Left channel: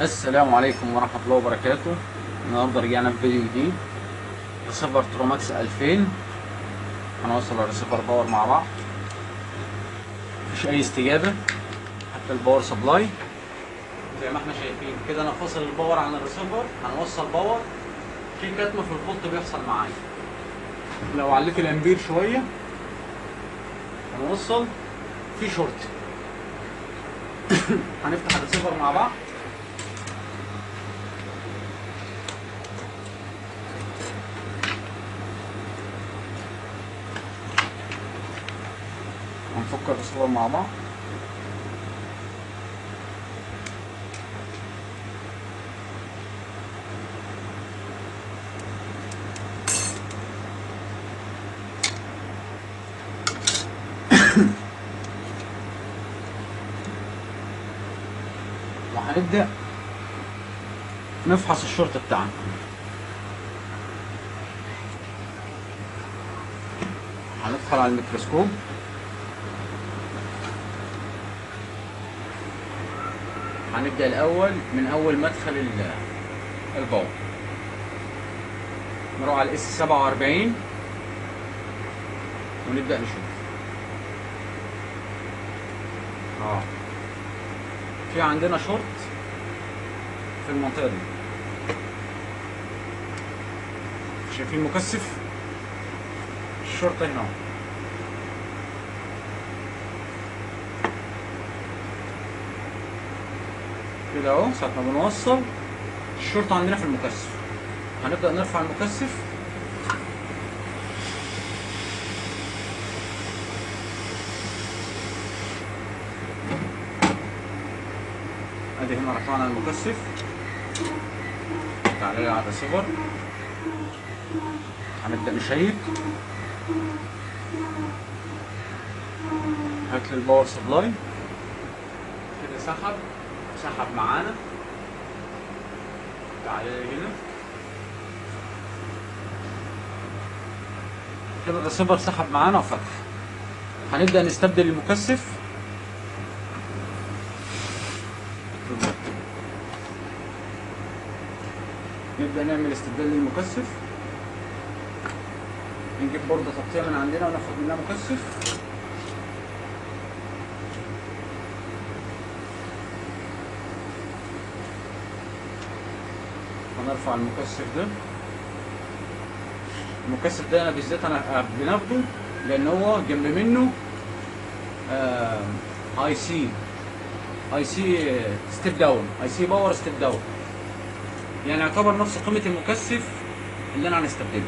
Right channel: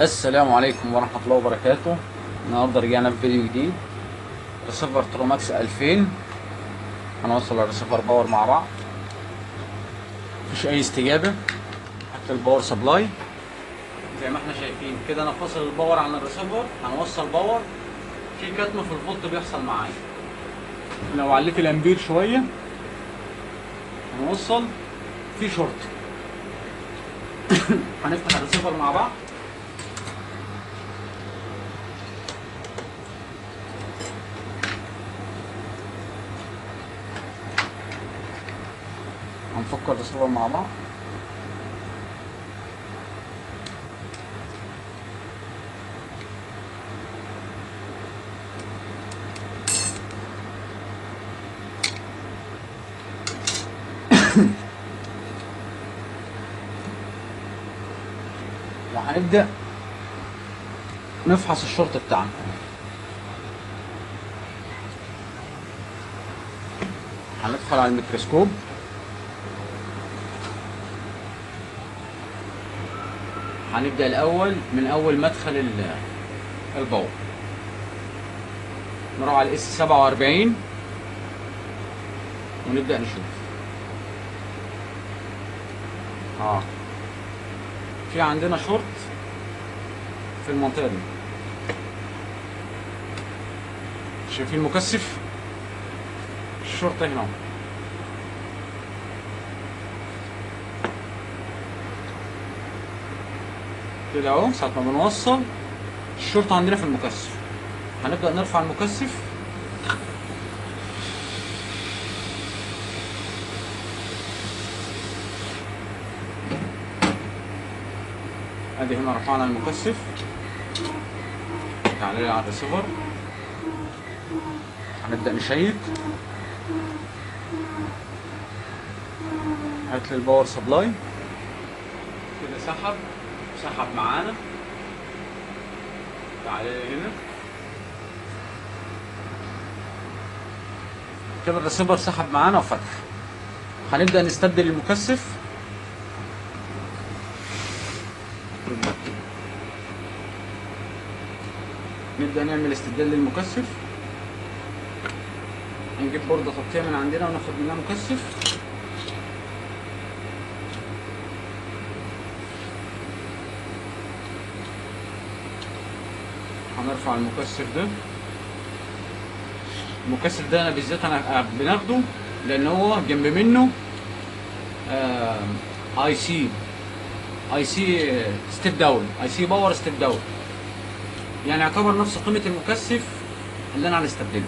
السلام عليكم ورحمة الله وبركاته. النهاردة رجعنا في فيديو جديد. ريسيفر تروماكس 2000 هنوصل الريسيفر باور مع بعض. مفيش أي استجابة حتى الباور سبلاي زي ما احنا شايفين كده. أنا فاصل الباور عن الريسيفر، هنوصل باور. في كتم في الفولت بيحصل معايا. لو عليت الأمبير شوية هنوصل في شورت. هنفتح الريسيفر مع بعض. هنفك الريسيفر مع بعض. وهنبدأ نفحص الشورت بتاعنا. هندخل على الميكروسكوب. هنبدأ الأول من أول مدخل الباور. نروح على الاس 47 ونبدأ نشوف. في عندنا شورت في المنطقة دي. شايفين المكثف؟ الشورت هنا كده اهو. ساعة ما بنوصل الشورت عندنا في المكثف، هنبدأ نرفع المكثف. ادي هنا رفعنا المكثف. تعالى على الريسيفر، هنبدأ نشيك. هات لي الباور سبلاي كده. سحب معانا. تعالى هنا كده الريسيفر سحب معانا وفتح. هنبدأ نستبدل المكثف. نبدأ نعمل استبدال للمكثف. نجيب بوردة تغطية من عندنا وناخد منها مكثف. هنرفع المكثف ده. المكثف ده بالذات انا بناخده لان هو جنب منه اي سي ستيب داون، اي سي باور ستيب داون، يعني يعتبر نفس قيمة المكثف اللي انا هنستبدله.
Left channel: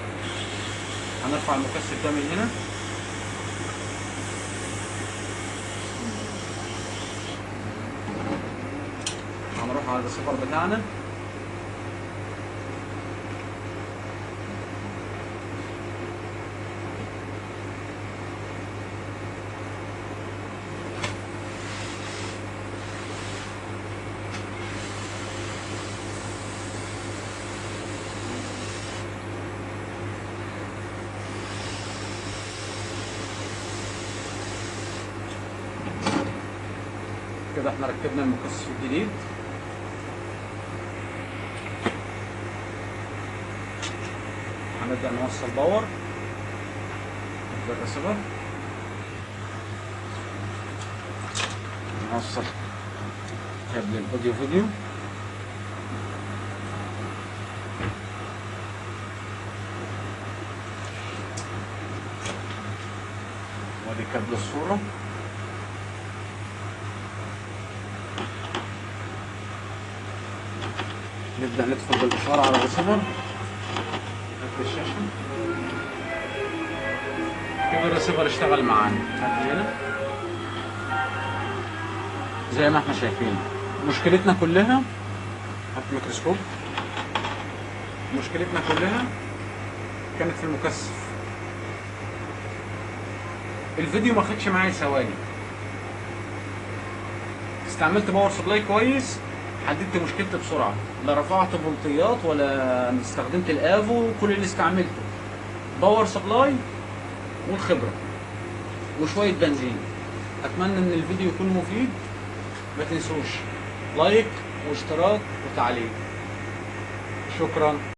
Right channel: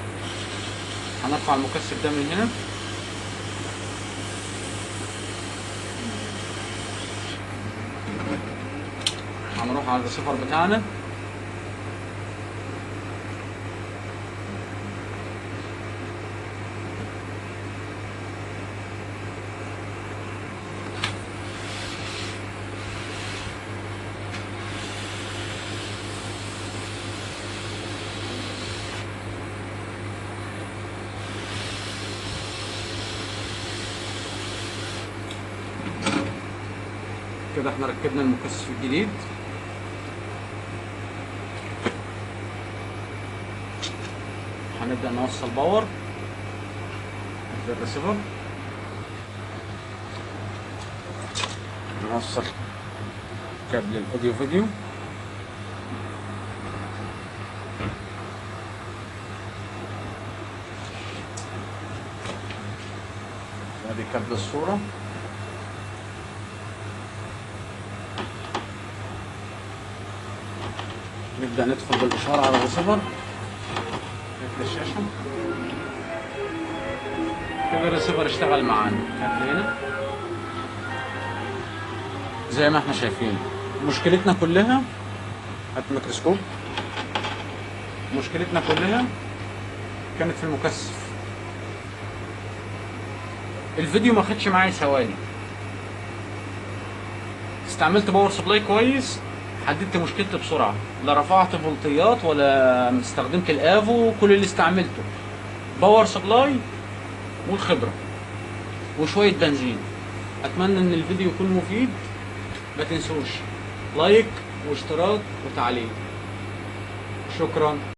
هنرفع المكثف ده من هنا. هنروح على الريسيفر بتاعنا. كده احنا ركبنا المكثف الجديد. هنبدأ نوصل باور في الريسيفر. نوصل كابل الاوديو فيديو. ادي كابل الصورة. نبدأ ندخل بالإشارة على الريسيفر. الشاشة كده الريسيفر اشتغل معانا. هنا زي ما احنا شايفين. مشكلتنا كلها، هات الميكروسكوب، مشكلتنا كلها كانت في المكثف. الفيديو ما خدش معايا ثواني. استعملت باور سبلاي كويس، حددت مشكلتي بسرعه. لا رفعت فولتيات ولا استخدمت الافو. كل اللي استعملته باور سبلاي والخبره وشويه بنزين. اتمنى ان الفيديو يكون مفيد. ما تنسوش لايك واشتراك وتعليق. شكرا.